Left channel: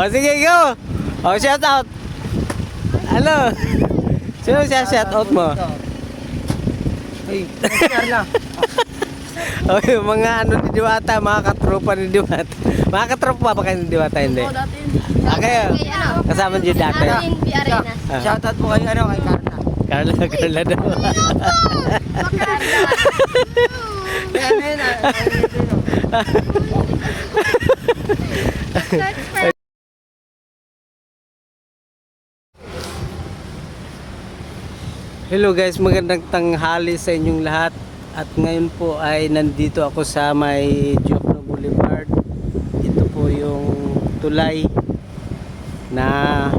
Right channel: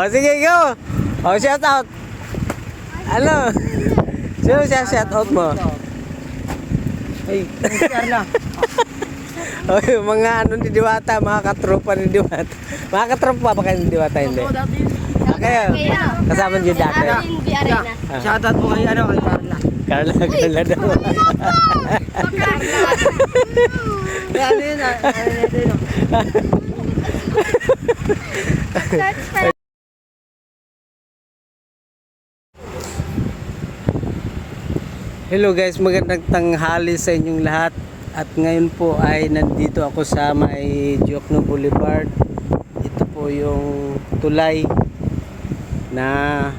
Oh, sige, go. Oh, shout out. Ano? Sino shout out mo? Ay. Carla. Oh, yung mga ano ni Diwata, mga katropa ni Diwata. Mga katropa pa kayo ni Diwata, hindi? Oo, dati yun. Okay. Kasama niyo dati. Arvin Arena. Shoutout po kay ano, kay Carla. Carla daw. Carla. Ano yun, Hello guys, magandang tanghali sa inyong lahat. At ngayon po ay nandito ako sa may Diokno Boulevard. Ito po yung tulay na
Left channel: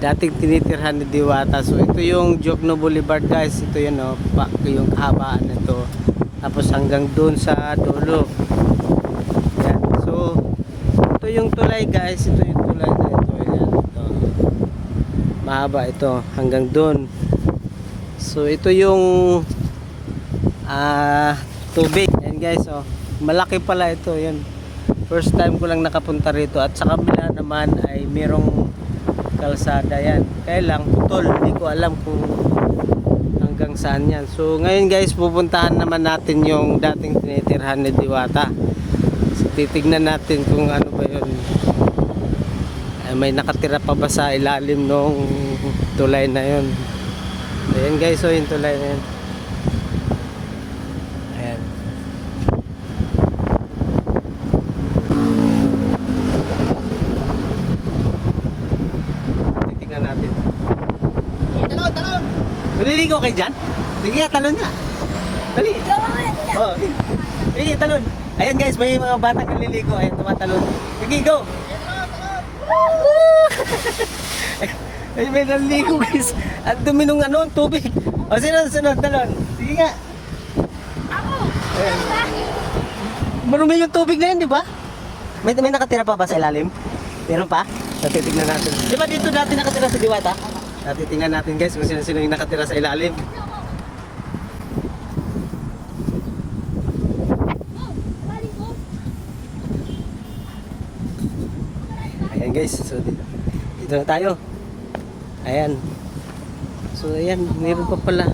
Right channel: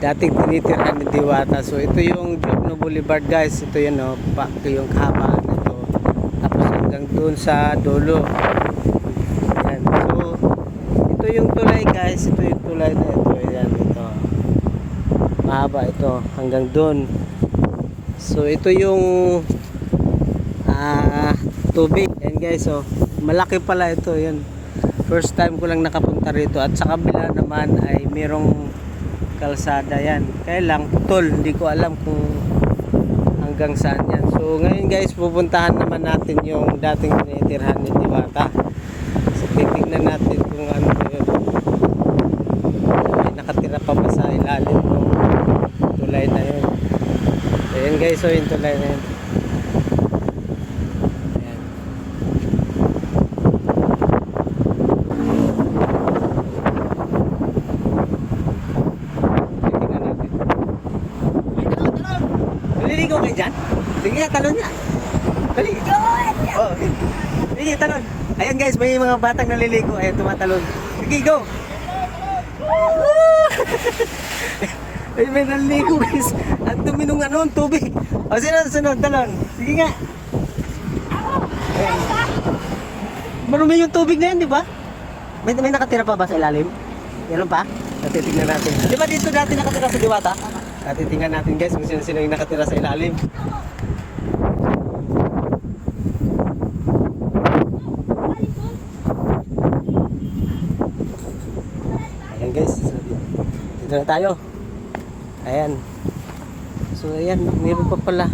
dating tinitirhan ni Diwata. So ito yung Diokno Boulevard guys. Ito yun o, yung kahabaan nito. Tapos hanggang doon sa dulo. Yan. So ito yung tulay guys. Ito yung tulay na ito. Yan, ito. Mahaba ito hanggang doon. So ito yung tubig. Yan guys, oh. Malaki pala ito. Yan. First time ko lang nakapunta rito. At sa kabila naman ay merong kalsada yan. Kaya lang putol. Hindi ko alam kung hanggang saan yan. So ngayon guys, pupuntahan naman natin yung dating tinitirhan ni Diwata. So titignan natin kung ano ba yun. May nakatira pa ba sa ilalim ng tulay na yun. Ayan guys, so yung tulay na yun. Ayan. Titingnan natin. Talon! Maliligo kayo dyan? Sige nga, talon nga. Dali. Oh, okay. Sige, talon. Ayan guys, may mga batang naliligo. Ayan, tumatalon. Sige, go! Ay, may naligo guys. At dumi nung ano, tubig. O, sunod, talon. Sige nga. Marumi yung tubig ngayon, di ba? May nakatira pa ba sa ilalim? Meron pa? Titingnan natin. Di ba dito dati nakatira sa Diwata? Titingnan natin guys kung sino yung nakatira sa ilalim. Ayan guys, so dito na tayo. Ayan. So ayan, meron pa pala.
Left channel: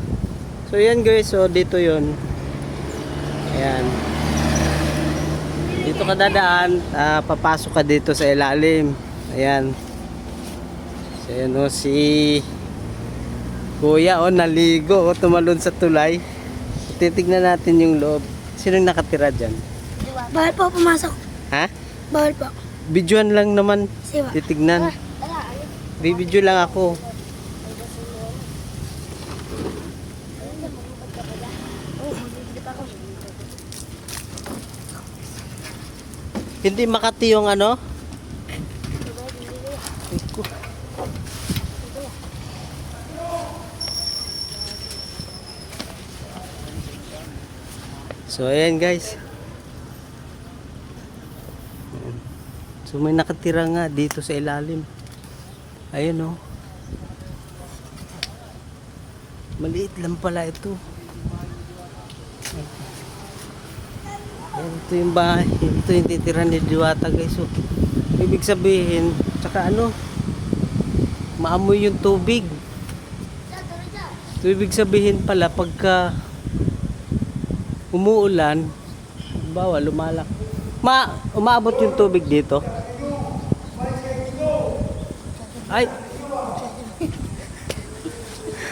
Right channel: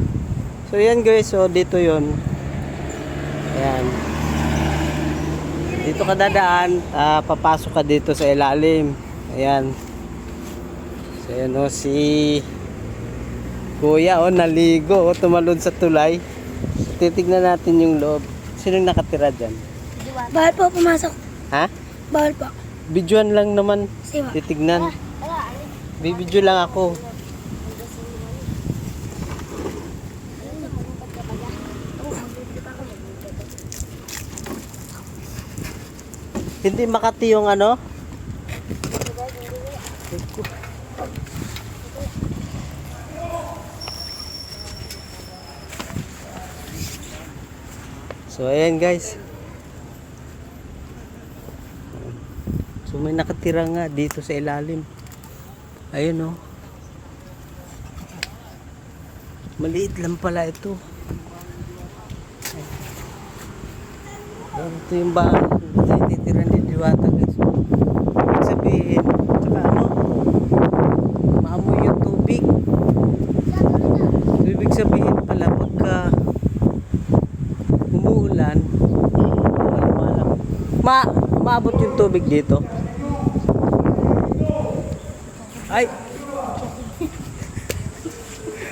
So ayan guys, so dito yon. Ayan. Dito ka dadaan, papasok ka dito sa ilalim. Ayan. So ayan o, si Kuya o, naligo o, tumalon sa tulay. So, titignan natin yung loob. Sinong nakatira dyan? Bawal po pumasok. Ha? Bawal po. Videoan lang naman. Siwa. Titignan. Bibidyo lang ako. Hindi Makati yung ano? So ayan guys. So may nakatira nga dito sa ilalim. Ayun oh. Maliit lang pala ito. Ito yung bahay. Ito yung titira ni Diwata guys. So, ibig sabihin, tsaka ano, maamoy yung tubig. So, ibig sabihin pala pagka umuulan, bawal lumalak. Umaabot yung tubig dito. Ay!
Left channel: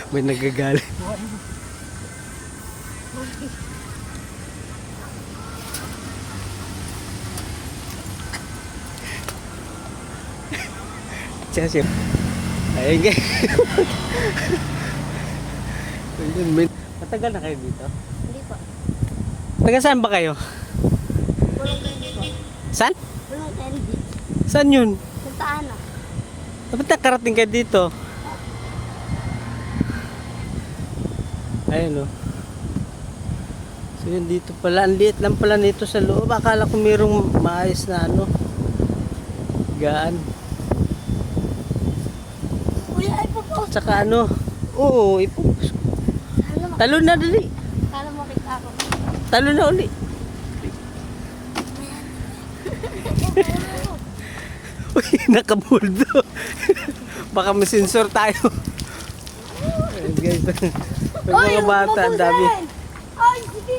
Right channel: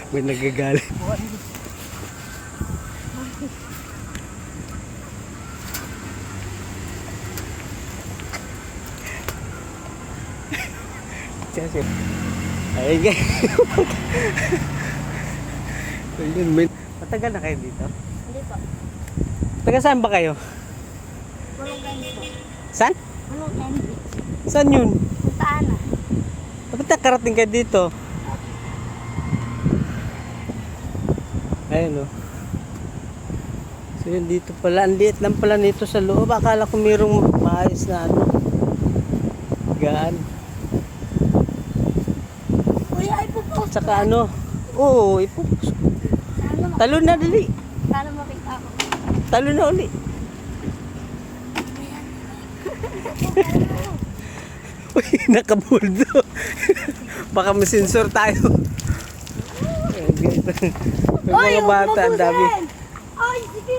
May nagagalit. Siya. Ayun guys. Matagal na kayo dito? Hindi po. Taga saan ba kayo? Pulong candy po. Saan? Pulong candy. Saan yun? Punta na. Dapat nakarating ka dito. Ayun o. So yun dito pala. Ang liit lang pala nito sa loob. Akala ko mayroong maayos na ano. Gaan. Kuya, ay po po. Tsaka ano. Oo, ipupus. Talon na dali. Sana makita ako. Talon na uli. Uy, nakabuldo. Baka masensor tayo. Ayan guys. May mga bata, ang dami. Ay, sige.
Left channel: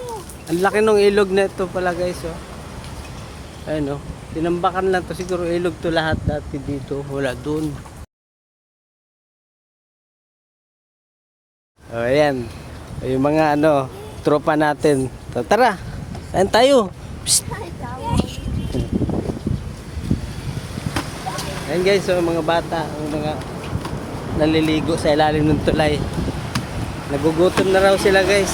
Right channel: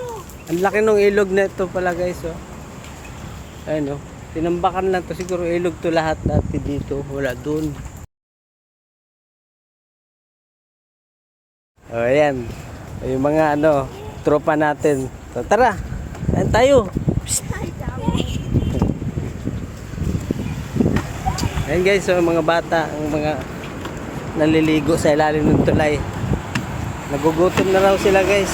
Ang laki ng ilog na ito pala guys. Oh. Ayun oh. Tinambakan lang to. Siguro ilog to lahat dati dito. Wala dun. O ayan. Yung mga tropa natin. So, tara. Saan tayo? Psst. Ayan guys, so mga bata, ang mga naliligo sa ilalim ng tulay. Nagugutom na raw sila guys.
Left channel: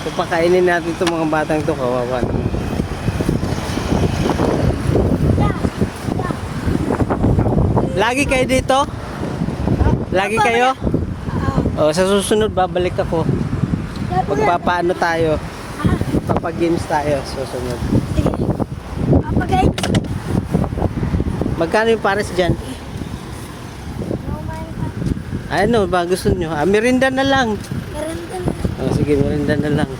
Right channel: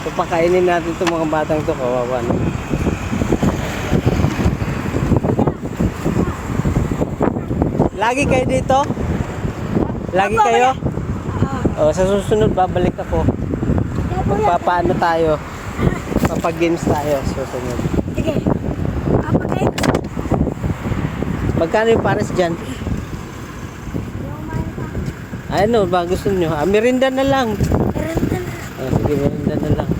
So pakainin natin itong mga batang to, kawawa naman. Lagi kayo dito? Lagi kayo? O, sa susunod babalik ako. Magpapaano tayo? Papag-games tayo sa susunod. Sige. Papagay. Magkano yung pares dyan? Ano ba gusto nyo? Merinda na lang. Sige, merinda na lang.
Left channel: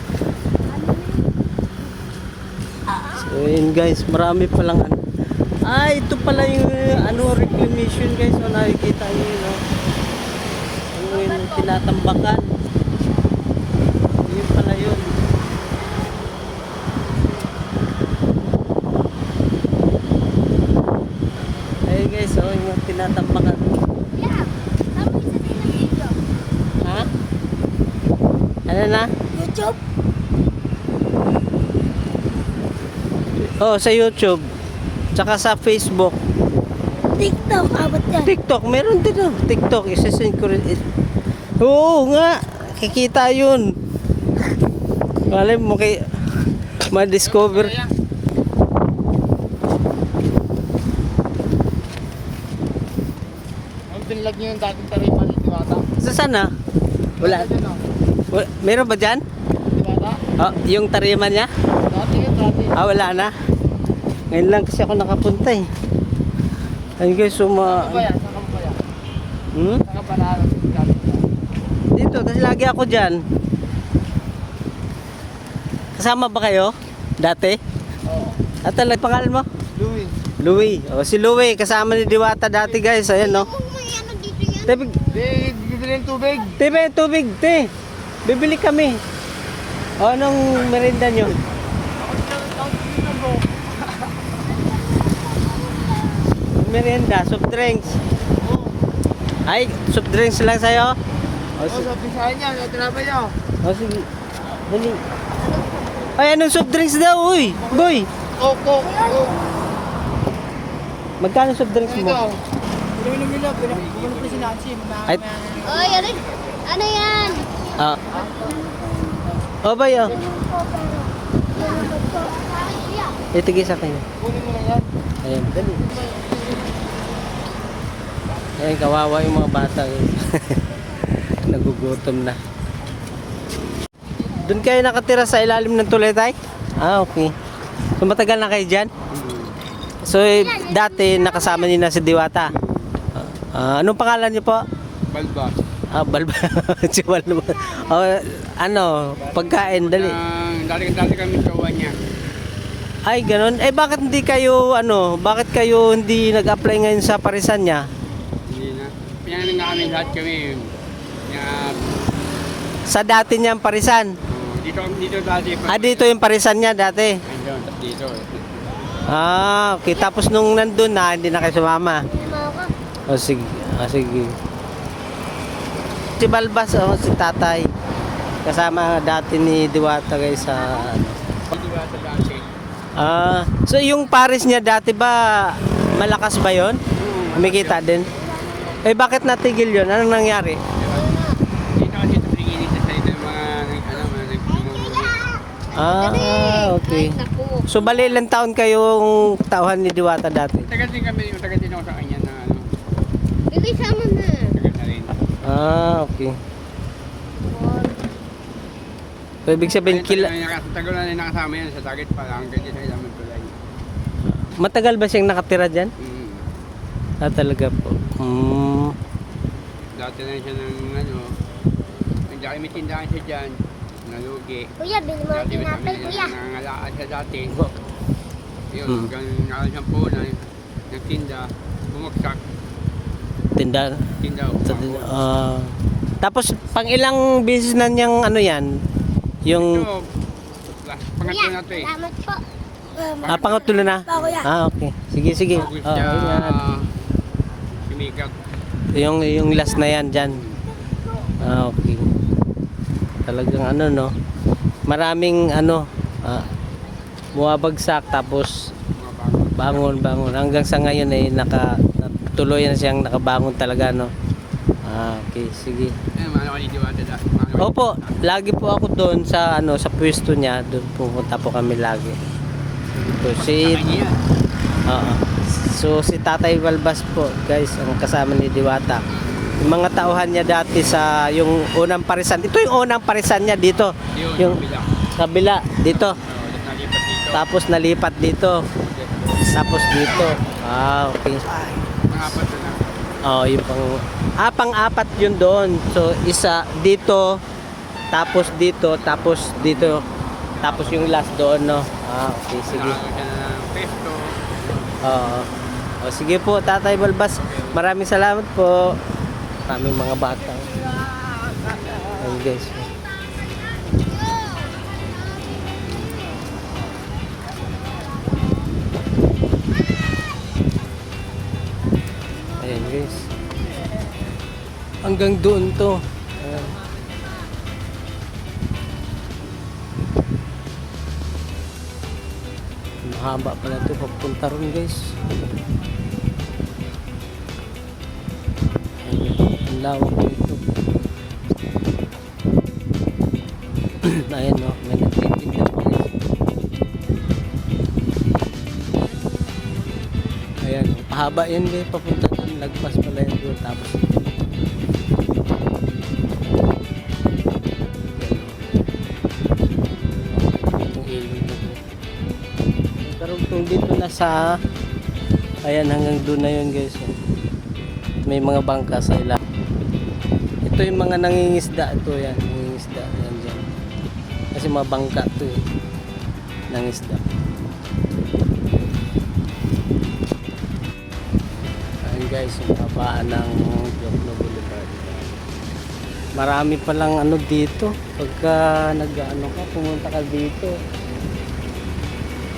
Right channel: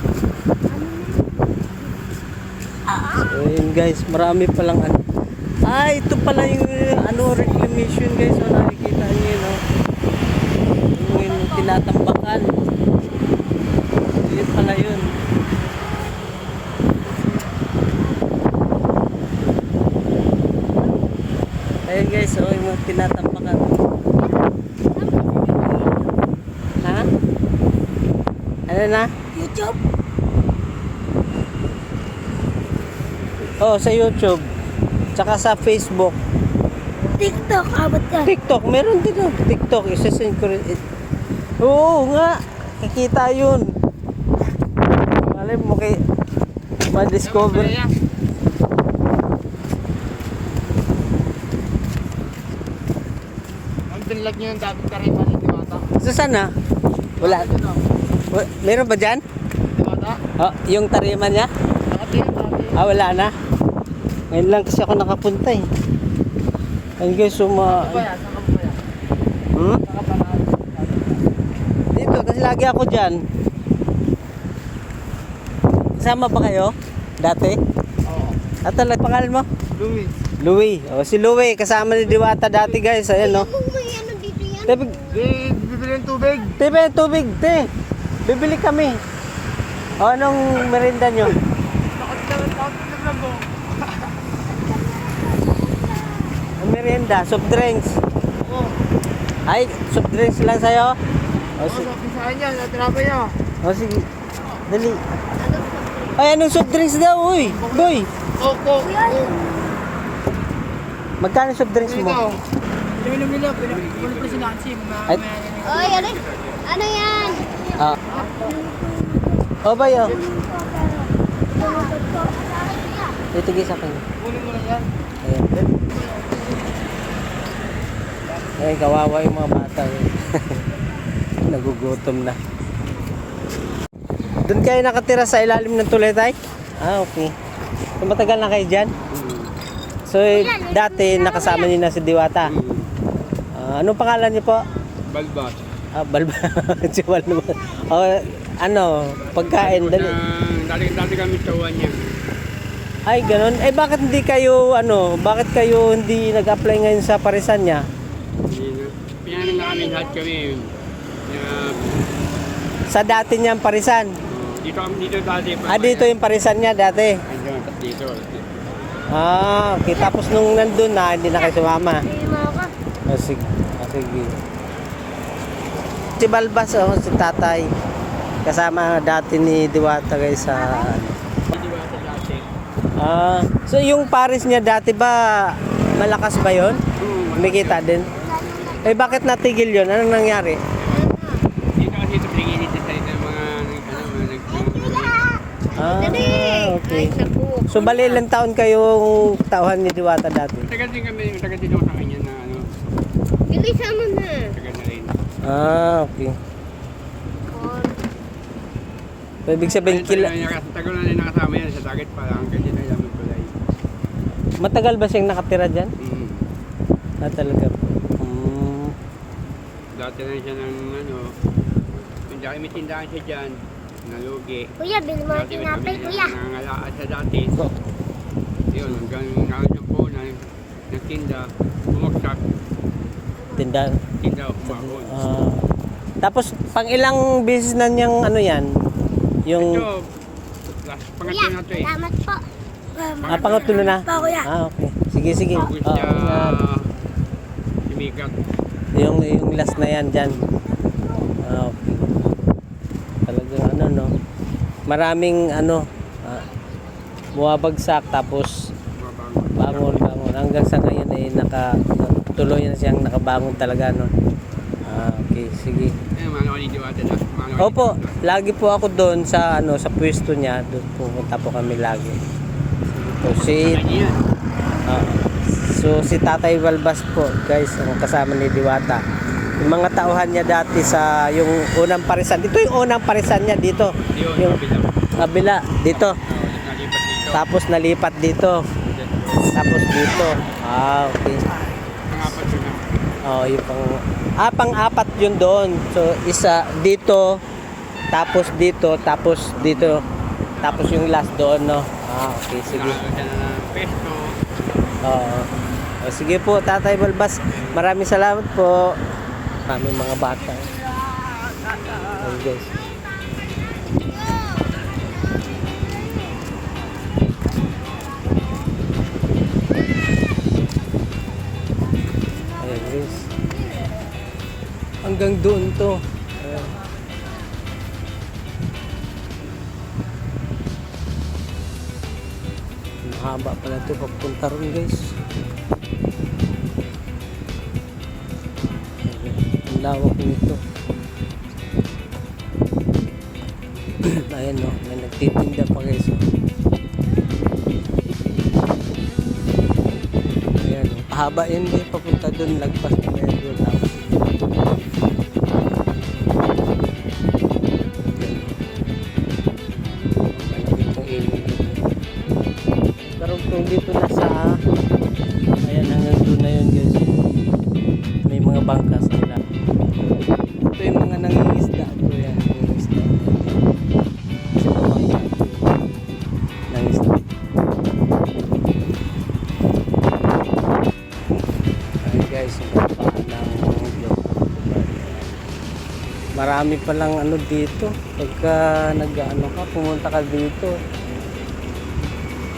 So yun guys, marami palang ito pala yung reclamation guys. So nakikita nyo yun yung tinatambakan. Yun pala yun. Ayun guys, so yung tinatambakan. Ha? Ano na? YouTube? Oh, sa YouTube. Tsaka sa Facebook. TikTok, abot yan. TikTok, meron din oh. TikTok, isa-send ko rin. Oo nga, kikita yun. Malay mo ma-discover. Ang tinlag niyo yung dating taripan ni Diwata. Sa sana? Wala. Meron ba dyan? Diwata? Oh, yung tariman niya? Dati. Wala na. Ngayon lang kasi ako nakapunta eh. Ayun guys, Saan ka ba yan? Saan ka ba na? Dito, kasi lagi ako dyan. Kasama ba kayo? Dati? Oo. Talaga pangalan mo? Louie. Louie. Si Louie, kasama ni Diwata dati guys. Ayan no. May ano dito yan? Bibili ng tubig. Tubig, te. Bibili kami. Anong merinda nyo? Merienda, soft drinks. Ay, soft drinks lang sa'yo? Sabi sa kanya, sa tinapay niyo. Sige. Dali. Ay, anong soft drinks daw, uy? Boy, Coke. magkano soft drinks mo? Ito. Pinaminom nila, pinaminom ko si Nancy. Ay, Oy, ano yan? Bay, Itigis sa akin. Kunin mo na yan. Ayan, dali. Ayan, kawawa yung mga bata. Nagugutom na. Doon kayo nakatira sa ilalim ng tulay, tay? Okay. So, matagal na kayo dyan? So, dati nakasama niyo na si Diwata. Anong pangalan niyo po? Balbas. Balba. Siwal naman. Pagkain, dali. Dati kami sa uwan niya. Ay, ganun. Bakit hindi kayo, bakit kayo hindi nag-apply ngayon sa parisan niya? Hindi na. Pinangalan na kami lahat kami. Sa dati niyang parisan? Dito dati. Dito yung parisan niya dati. Dito. Okay. Tapos nung nandun na, hindi na kayo sumama. Sige. Sige. Si Balbas, si tatay. Kasama dati ni Diwata guys sa so yung paris niya dati ba malakas ba yon? Kumikita din. Bakit natigil yon? Anong nangyari? Dito kasi tumingin dito sa ito mga Okay. So bali ilang taon kayong tauhan ni Diwata dati? Tagal din ako sa kanya na Bigay sama na. tagal na rin. Okay. So ibig sabihin Tagal na rin nakasama yan sa target pa lang. Ganyan na lang magkulay. matagal ba siyang nakatira dyan? Talaga po. Dati na siya ng dati may tindahan siya dyan. Nalugi. Kuya, bili mo Dati may tinapay, kuya. nangangalaan siya dati. Wow. Yun, hanggang nakasang punan. nagtinda, bumagsak, Tinda. tinda, Sa, umahon. tapos pang ilang beses na niyang ano yan? Yung Ito, pangatlo na ito eh. Salamat po. pangatlo na. Okay. Sige, sige. Bago siya Oo, sumikat. yung last na yan dyan. Okay. Talagang ano no. Maraming ano buwabagsak tapos Mga bago. bangon hanggang sa ngayon ay tuloy na siyang nakabangon talaga no. Okay, sige. Eh, mga Diwata lang. Opo, lagi po ako doon sa sa pwesto niya, doon pupunta po kami lagi. Ito si Yan. Oo. So si Tatay Balbas po, guys, ang kasama ni Diwata. Yung mga tauhan niya dati sa yung unang parisan. Ito yung unang parisan niya dito. Yun, Yung kabilang. kabila dito. Nalipat dito. Tapos nalipat dito. Tapos dito. Okay. Pangapat ko na. Oh, yung pang-apat yun doon. So isa dito, tapos dito, tapos dito. Tapos yung last doon, no. Okay, sige. Nakagawa siya na ng pesto. Oo. O sige po, Tatay Balbas. Maraming salamat po. Kaming mga bata. Ayun guys. Ayun guys. Hanggang doon to. Ayan. Mahaba pala ito papunta ron guys. Ang lawak nito. Ayan no, may nagtitinda pa guys. Ayan, pahaba yun din papunta doon, lagpas pala yun doon tapos. Karugtong dito na sa ayan hanggang doon na yun guys. May mga bangka sa ilang. Ito yung mga nangingisda ito yan, nangingisda. Kasi mga bangka ito nangingisda. Ayan guys, yung paan ng marami palang ano dito pagka nag-ano ka, pumunta ka dito.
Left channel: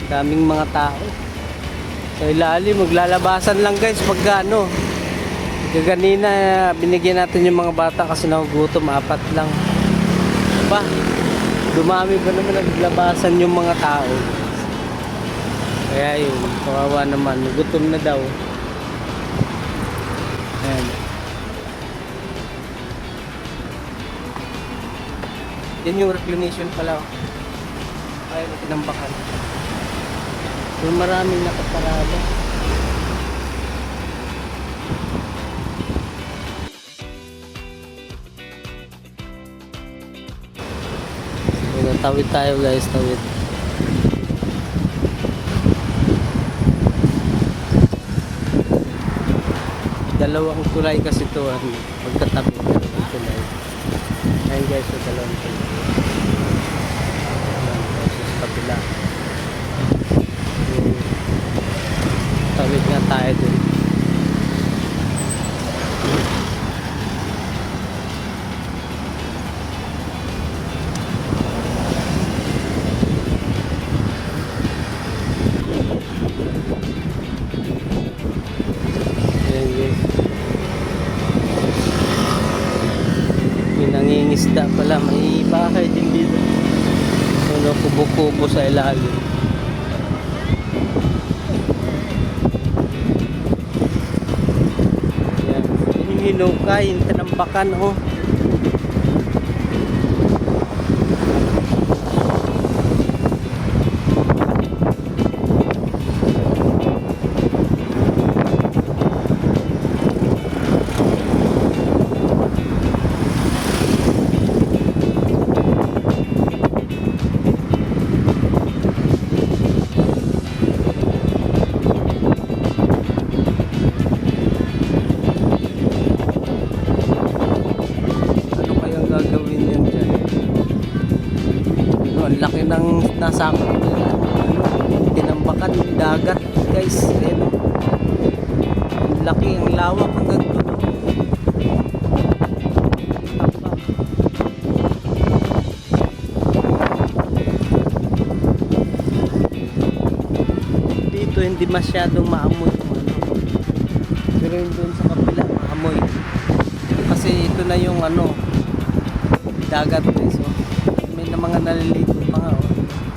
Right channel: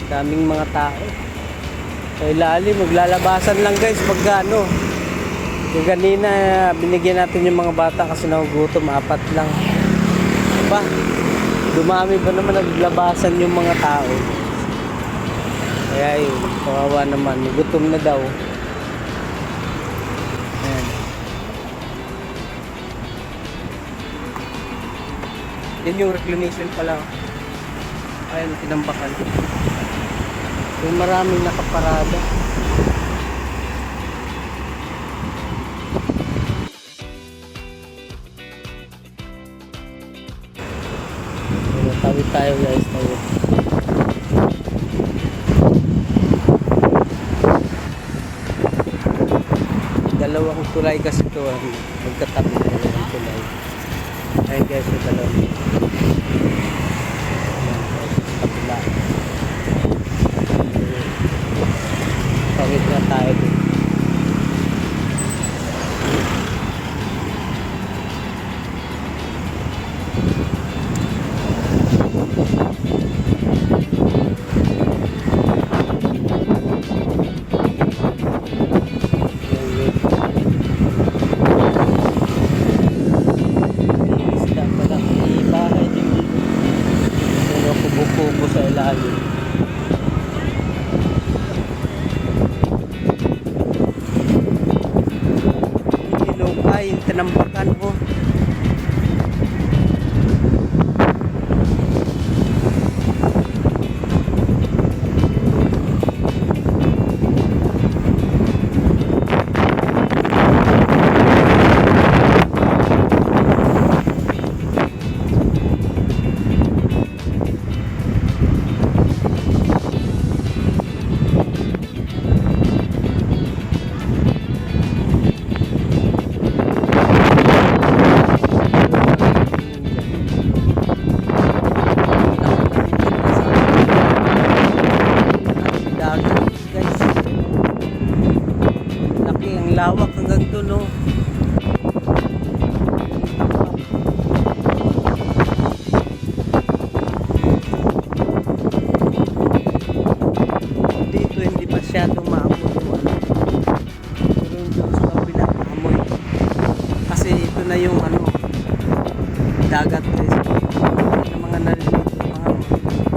Daming mga tao sa ilalim, maglalabasan lang guys pagka ano. Kanina binigyan natin yung mga bata kasi nagugutom, 4 lang. Ba, dumami ba naman naglabasan yung mga tao. Kaya yun, kawawa naman, gutom na daw. Ayan. Yan yung reclamation pa lang. Ayun, pinambakan. Yung maraming nakaparada. Tawid tayo guys, tawid. Dalawang tulay kasi ito, magkatabi dalawang tulay. Ayun guys, yung dalawang kabila. Tawid na tayo dun. Nangingisda pala, may bahay din dito. So nakubo-kubo sa ilalim. Ayan. Hinilukay, yung tinambakan oh. Dagat guys, lawak hanggang dulo. Dito hindi masyadong maamoy yung ano. Pero yung doon sa kabila maamoy. Kasi ito na yung ano, dagat eh. So, hindi na mga naliligo mga oh.